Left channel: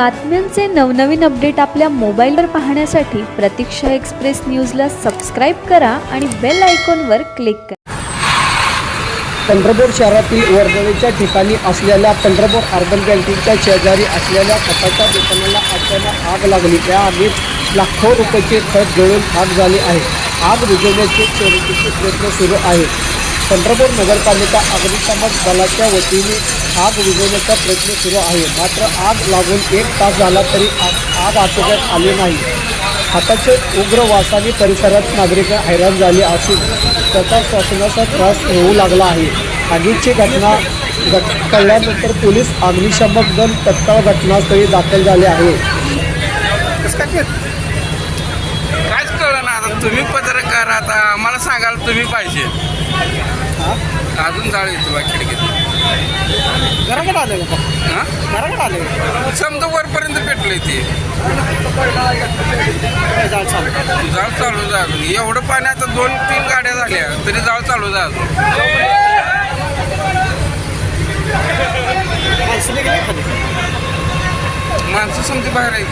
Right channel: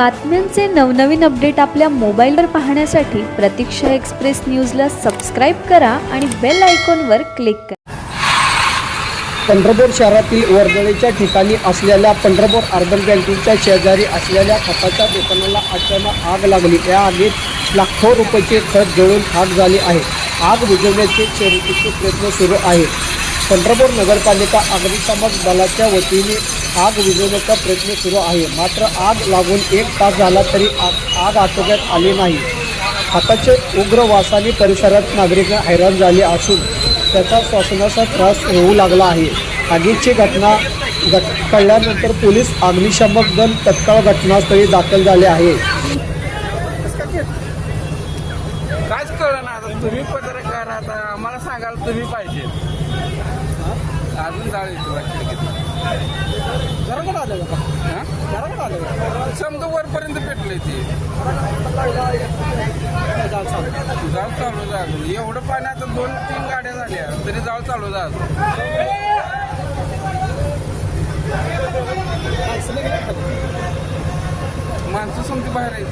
बातम्यांचे नवनवीन अपडेट आपल्या मोबाईलवर पाहण्यासाठी प्रतीक्षा एक्सप्रेस न्यूजला सबस्क्राईब करा आणि बेल आयकॉनवर क्लिक करा. पंढरपूर शहरातील वर्दळीच्या ठिकाणी असलेल्या पंढरपूर अर्बन बँकेच्या शेजारी असलेल्या खताच्या दुकानाला अचानक आग लागली. या आगीत लाखो रुपयाचे खत जळून खाक झाले आहे. आग बुझवण्याचे शर्यतीचे प्रयत्न सुरू आहेत. पंढरपूर नगरपालिका अग्निशमन दलाच्या वतीने आग विझवण्याचा प्रयत्न सुरू आहे. मात्र आग लागून 1 तास झाला तरी आग आटोक्यात आली नाही. खताच्या उग्र वासाने परिसरात नागरिक हैराण झाले असून त्याचा श्वसनाचा त्रास होऊ लागला आहे. आगीची घटना कळल्यानंतर पोलीस अग्निशमन दल तत्काळ घटनास्थळी दाखल झाले आहे. काहीच कळलं ना. आता तुम्ही पत्रकार, आता मला सांगाल तुम्ही पाहिजे. अजून जाळ येतो बा खिडकीत. घराकडे आले हां, घराकडे आले समजा वरपर्यंत पेटलं ते जाळ चालू झालं. एवढं पाणी आता 2-3 गाड्या झाल्या तरी जाळ चालू झालं. माणसं समजा बाहेर आहे.